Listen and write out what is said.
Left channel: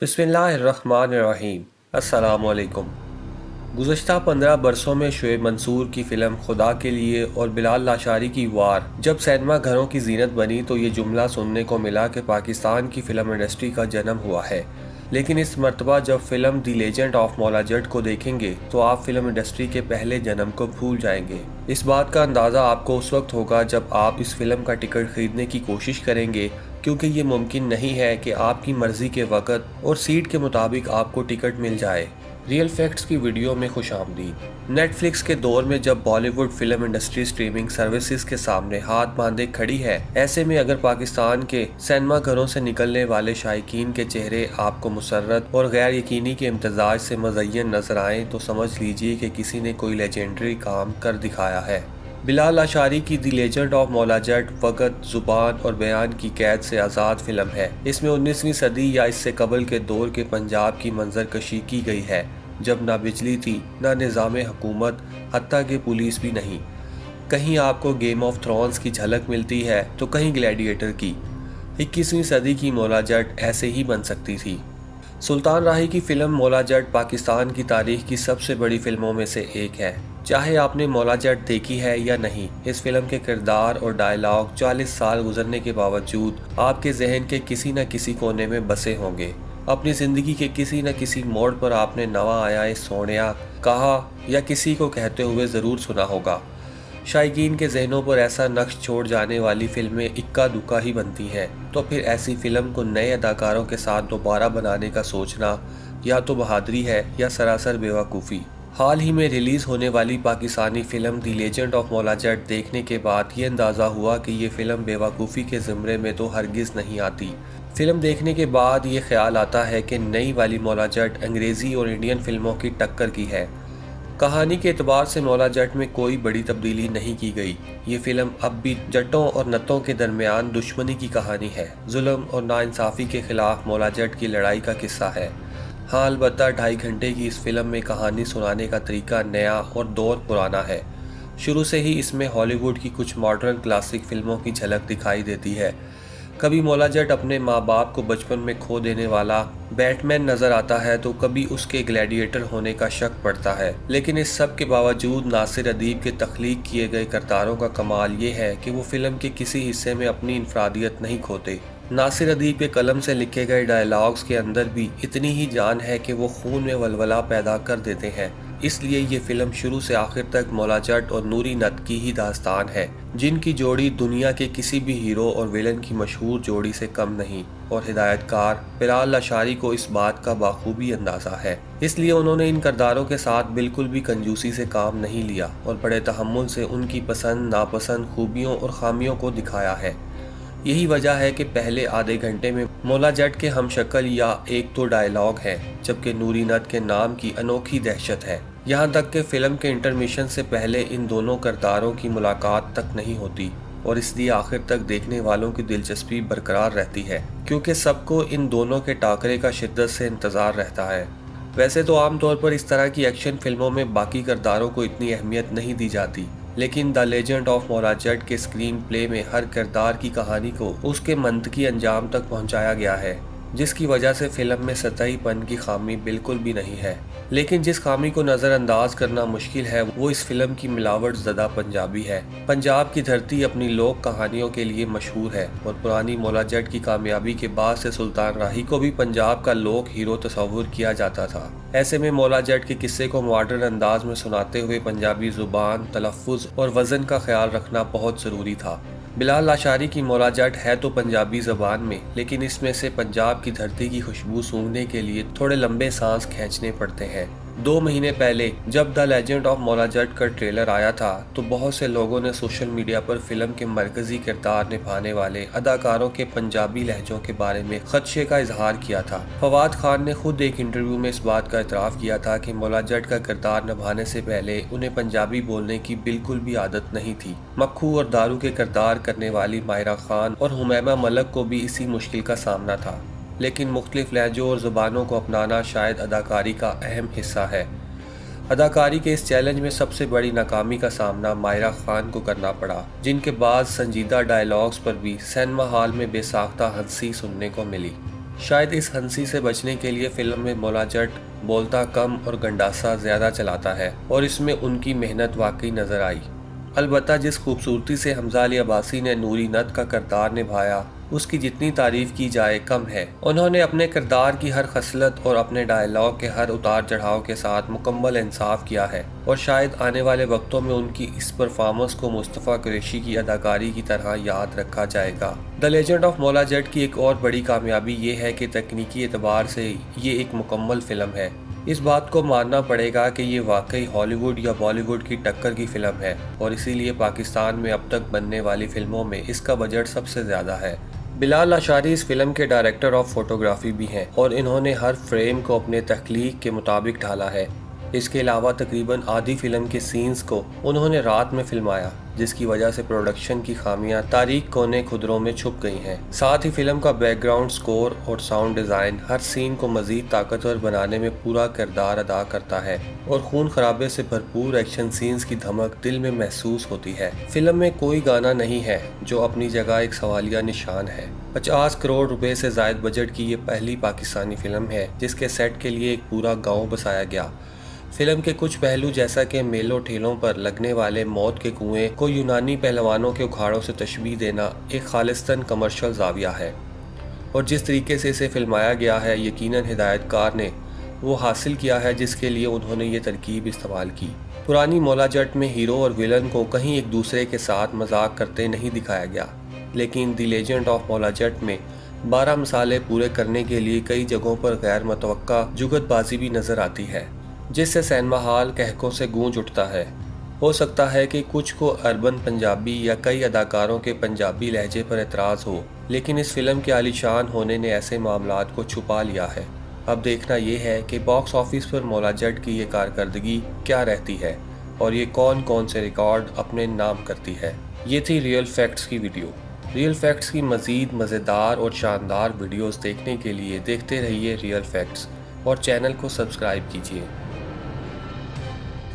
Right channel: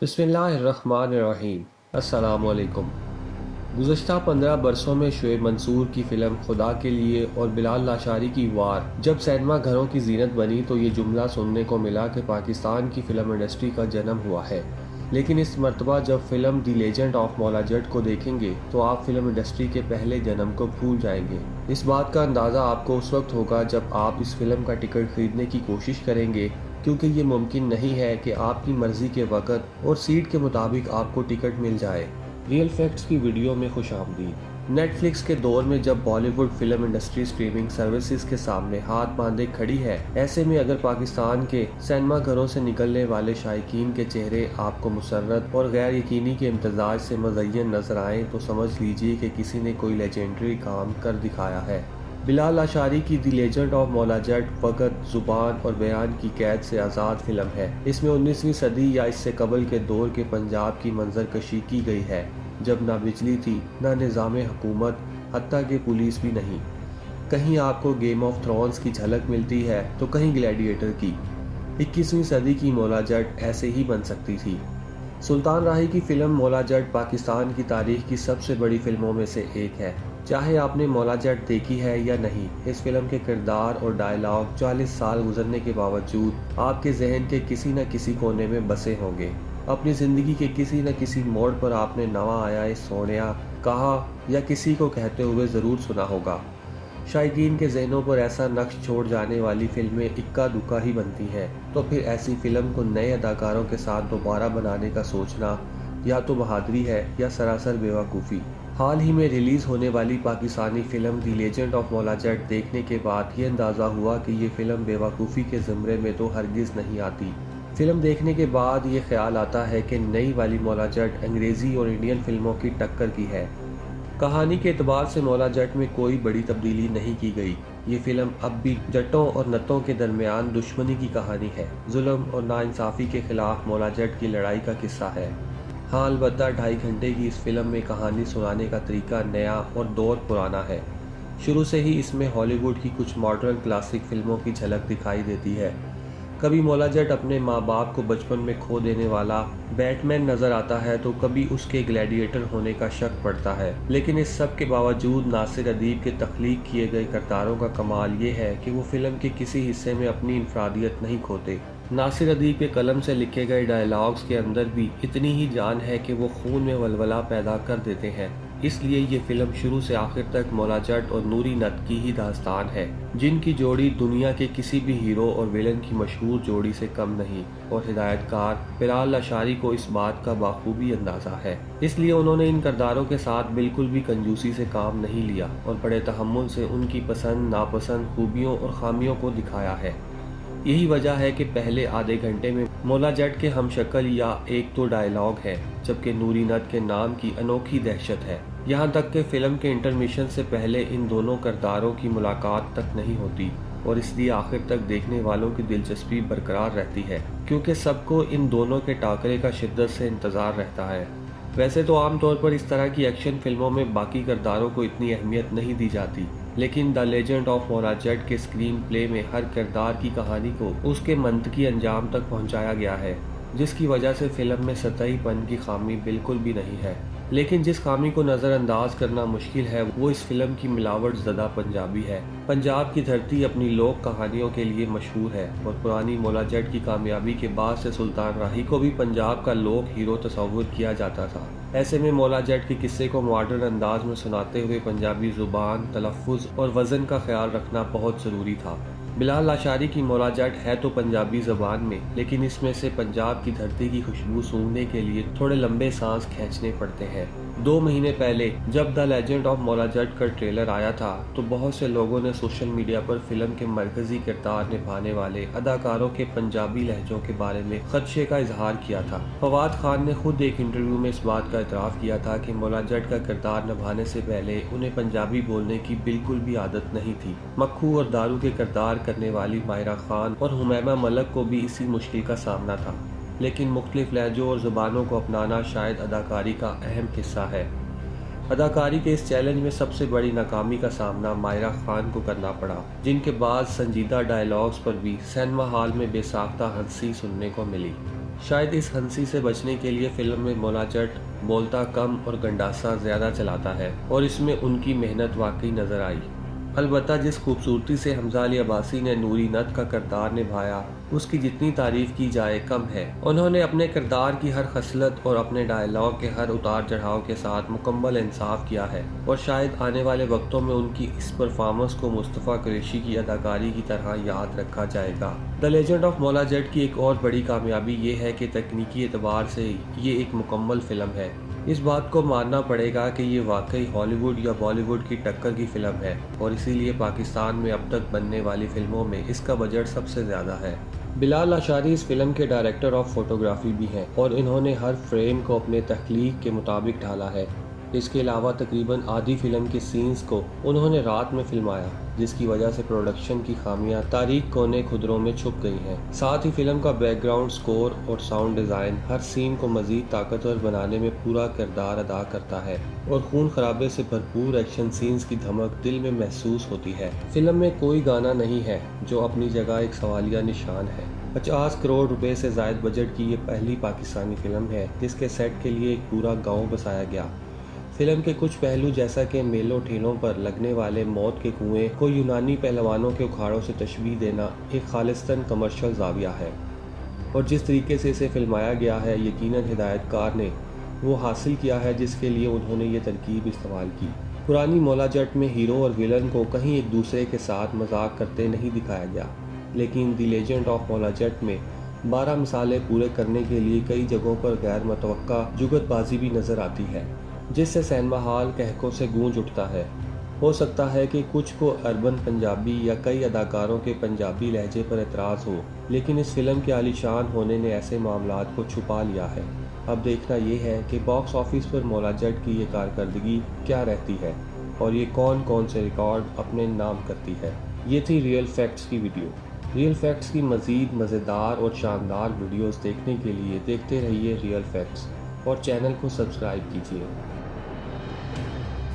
बिस्मिल्लाहिर्रहमानिर्रहीम। अस्सलाम वालेकुम। गुज़श्ता 15 बरसों में शुएब मंसूर की फ़िल्म खुदा के लिए और बिलाल लाशारी की वार जब सिनेमा घरों की जीनत बनी तो ये जुमला सुनने को मिला कि पाकिस्तान की फ़िल्म इंडस्ट्री का जन्म हुआ है। लेकिन इस मर्तबा जब film the legend of Maula Jatt को देखेंगे तो आप फ़िल्म इंडस्ट्री के पहले जन्म को भूल जाएंगे। इस बात का अंदाज़ा आपको उस वक्त होगा जब आप इस फ़िल्म का टिकट ख़रीदने की कोशिश करेंगे, क्योंकि ये मुमकिन नहीं है कि आपकी मर्ज़ी के वक़्त और सीट के मुताबिक आपको टिकट मिल जाए। रियल फैक्ट्स की वीडियो में खुशामदीद। नेटफ्लिक्स के दौर में जब Bollywood film industry streaming services के सामने हाथ बांधे खड़ी है, ऐसे में अगर पाकिस्तान के सिनेमा घरों से निकलने वाले शायकीन के चेहरे आपको मुसर्रत और गैर यकीनी के इम्तजाज से मज़य्यन नजर आएँ तो समझ लीजिए कि किसी ने कोई लेजेंडरी काम कर दिखाया है। बिलाल लाशारी की दी लेजेंड ऑफ मौला जट वक़्त ज़ुबान और बयान की कैद से आज़ाद फिल्म है। इसमें 19वीं सदी या इससे कबल के दौर के पंजाब की मंजरकशी की गई है, जब ना बिजली थी, ना निज़ाम हुकूमत, हत्ता कि पुलिस भी नहीं। कहीं आपको गेम ऑफ थ्रोन्स की झलक मिलती है तो कहीं ग्लैडिएटर की। 21वीं सदी की मौला जट ऐसे ही बन सकती थी। सुल्तान राही की फ़िल्म मौला जट पाकिस्तान की तारीख की सबसे बड़ी फ़िल्मों में से एक है। चाहे आपने मौला जट देखी है या नहीं, इस फिल्म के किरदार और डायलॉग 40 साल गुजरने के बावजूद आपके जहन के किसी न किसी कोने में बसे होंगे। अपनी ज़िंदगी के किसी न किसी मोड़ पर आपने नवा आया ए सोनिया कहा या किसी को कहते हुए ज़रूर सुना होगा। शायकीन के जहनों पर ऐसा नक्श छोड़ जाने वाली फिल्में इक्का दुक्का ही बनती हैं, तो फिर ऐसी फिल्म को नए अदाकारों के साथ दोबारा बनाने का सोचना या तो बहादुरी है या सरासर बेवकूफ़ी। हाल ही में रिलीज़ होने वाली Pakistani film the legend of Maula Jatt देखने के बाद ये अंदाज़ा हुआ कि ये फ़िल्म बेवकूफ़ी के ज़मरे में तो हरगिज़ नहीं आती। फ़िल्म देखने के बाद ये ख्याल आता है कि नई वाली मौला जट अंग्रेज़ी और इंडियन फ़िल्मों की टक्कर की है। कहानी के एतबार से मौला जट में कोई बड़ी तब्दीली नहीं की गई। ये फिल्म अब भी जट्टों और नतों के दरमियान दुश्मनी की कहानी है। जुल्म और नाइंसाफ़ी के खिलाफ मौला जट की लड़ाई का किस्सा है। हाँ, अलबत्ता 2.5 घंटे की इस फिल्म में कहानी सुनाने का तरीका नया और दौर पुराना है। शुरू से ही इसमें हॉलीवुड की कुछ मॉडर्न क्लासिक फिल्मों की झलक दिखाई देती है। कभी मौला जट अपने माँ बाप को बचपन में खो देने वाला बैटमैन नज़र आता है तो कभी उसके ग्लैडिएटर होने का शक पड़ता है। लेकिन इस सब के बावजूद नासिर अदीब के तख्लीक किए गए किरदारों का कमाल ये है कि वो फिल्म के किसी हिस्से में अपनी इनफरादियत नहीं खोते। नासिर अदीब के कलम से लिखे गए डायलॉग्स के अंदर भी इतनी ही जान है कि वो खून में वलवला पैदा कर देते हैं। इसलिए ये फिल्म शुरू से आखिर तक मौला जट और नूरी नत की ही दास्तान है, जिनकी जोड़ी दुनिया के किसी भी हीरो और विलन की मशहूर जोड़ी से कम नहीं। और हिदायतकार बिलाल लाशारी को इस बात का बाखूबी अंदाज़ा है, इसलिए उन्होंने इन किरदारों के साथ बिल्कुल भी कंजूसी से काम नहीं लिया और बड़े तहम्मुल से उनकी पसंद नापसंद खूबियों और खामियों को दिखाया है। यही वजह है कि पहले आधे घंटे में मौला जट के हमशक्ल या एक तो डायलॉग है, जबकि नूरी नत के नाम की अनोखी दहशत है। यहाँ तक कि फिल्म के इंटरमिशन से पहले इन दोनों किरदारों की मुलाकात तक नहीं होती और इसलिए आखिर तक देखने वालों की दिलचस्पी बरकरार रहती है, क्योंकि सबको इन दोनों के टाकरे का शिद्दत से इंतज़ार रहता है। वैसे तो आमतौर पर इस तरह की एक्शन फिल्मों में बाकी किरदारों को इतनी अहमियत नहीं दी जाती, लेकिन the legend of Maula Jatt के स्क्रीन प्ले में हर किरदार की कहानी को उसके मंतकी अंजाम तक पहुंचाया गया है, जिसकी वजह से फिल्म में सतहीपन की खामी बिल्कुल भी नहीं है। लेकिन जिस खामी को नज़रअंदाज करना मुश्किल है वो इस फिल्म की मिलावट ज़दा पंजाबी है। पंजाब की धरती अपनी लोक कहानियों के लिए मशहूर है और पुरानी मौला जट की कामयाबी के बाद से सुल्तान राही को भी पंजाब का लोक हीरो तस्वुर किया जाता था। ऐसे में मौला जट के किस्से को मॉडर्न अंदाज में सुनाते हुए पंजाबी ज़ुबान, तलफ़्फ़ुज़ और वज़न का ख्याल रखना बहुत ज़रूरी था। बिलाल लाशारी की मौला जट है तो पंजाबी ज़बान में, लेकिन इसमें से पंजाब की धरती की खुशबू सूंघने के लिए थोड़े लंबे सांस खींचने पड़ते हैं। 2 महीने पहले जब the legend of Maula Jatt का ट्रेलर आया था तो बहुत से लोगों ने सोशल मीडिया पर फिल्म के मरकजी किरदार निभाने वाले अदाकारों के पंजाबी लहजों के बारे में खदशे का इजहार किया था। फवाद खान ने खुद एक इंटरव्यू में इस बात का इतराफ़ किया था कि मौला जट का किरदार निभाने से पहले उन्हें पंजाबी बोलने की बिल्कुल भी आदत नहीं थी। मक्खू और दारू के किरदार करने वाली मायरा खान और हुमैमा मलक को भी इसी मुश्किल का सामना था, लेकिन मुख्तलिफ लहजों और ज़ुबानों को अपनाना शायद अदाकारी का अहम हिस्सा है। अदाकारी के इस चैलेंज में सबसे बड़ी नाकामी का सामना मायरा खान को करना पड़ा, जिनके बाद संजीदा डायलॉग्स पर भी सिनेमा हॉल में बेसाख्ता हंसी सुनने को मिली। शायद इस हंसी से बचने के लिए फिल्म में मोला जट बोलता कम और गंडासा ज़्यादा चलाता है और इसमें उनकी मेहनत वाकई नज़र आई। अलबत्ता जिस खूबसूरती से हमजा अली अब्बासी ने नूरी नत का किरदार निभाया उसकी जितनी तारीफ की जाए कम है। उन्होंने अपने किरदार की हर खसलत और अपने डायलॉग के हर उतार चढ़ाव के साथ मुकम्मल इंसाफ किया है और शायद आने वाले वक्तों में उनकी इस परफॉर्मेंस को मुस्तफ़ा कुरैशी की अदाकारी की तरह याद रखा जाएगा। The legend of Maula Jatt की एक और बड़ी कामयाबी ये है कि तकनीकी एतबार से ये एक मुकम्मल फ़िल्म है। इस बात को मानना पड़ेगा कि ये वाकई हॉलीवुड या बॉलीवुड की टक्कर की फ़िल्म है और इसीलिए पाकिस्तान में अब तक बनने वाली फ़िल्मों में इसका बजट सबसे ज़्यादा है। बिलाल लाशारी इस फिल्म के डायरेक्टर ऑफ फोटोग्राफी भी हैं और इन्होंने हर फ्रेम को अपने तख्लीक के मुताबिक ढाला है। इसके अलावा तकरीबन आधी फिल्म के सीन्स को उन्होंने रात में फिल्माया, जिसकी वजह से प्रोडक्शन की खामियां तारीक कोने खुदरों में छुप गई हैं। साथ ही फिल्म का बैकग्राउंड स्कोर और साउंड डिज़ाइन हर सीन को मज़ीद ताकतवर बनाने में पूरा किरदार अदा करता है और खून खराबे से भरपूर एक्शन सीन्स की धमक दिल में महसूस होती है। फिल्म में कोई गाना नहीं है, जो अपनी जगह एक सवालिया निशान है। 50 करोड़ रुपए से ज़ायद बजट की ये पहली पाकिस्तानी फिल्म है जिसके सेट के लिए एक पूरा गाँव बसाया गया। फिल्म के कुछ पहलू जैसा कि मेलों ठेलों पर लगने वाले मौत के कुएं को यूनानी पहलवानों के उखाड़ों से तशबीह देना एक खालिस्तान कमर्शियल जाविया है और जिस तरीके से इसे फिल्माया गया है यकीनन हिदायतकार ने वो हासिल किया है जिसके लिए उन्होंने ये तरकीब इस्तेमाल की। पुरानी मौला जट में हीरो और विलन को कहीं एक दूसरे के साथ मजाक करते नहीं दिखाया गया, लेकिन the legend of Maula Jatt में 12 मसाले पूरे करने के लिए कई जगहों पर गैर मुतवक्का जुगतबाजी भी नज़र आती है, जिससे सिनेमा हॉल कहकों से गूंज उठता है। हो सकता है कि कुछ को अर्बन पंजाबी या कई अदाकारों के पंजाबी लहजे पर एतराज़ हो, लेकिन इस फिल्म के आलीशान होने ने ऐसे मामलात को छुपा लिया है। अब देखना ये है कि बॉक्स ऑफिस पर मौला जट की ये कारकर्दगी क्या रहती है और ये कौन कौन से रिकॉर्ड अपने नाम करती है। ये थी रियल फैक्ट्स की वीडियो। रियल फैक्ट्स की मज़ीद मज़ेदार और शानदार वीडियोस देखने के लिए देखते रहिए रियल फैक्ट्स और चैनल को सब्सक्राइब कीजिए।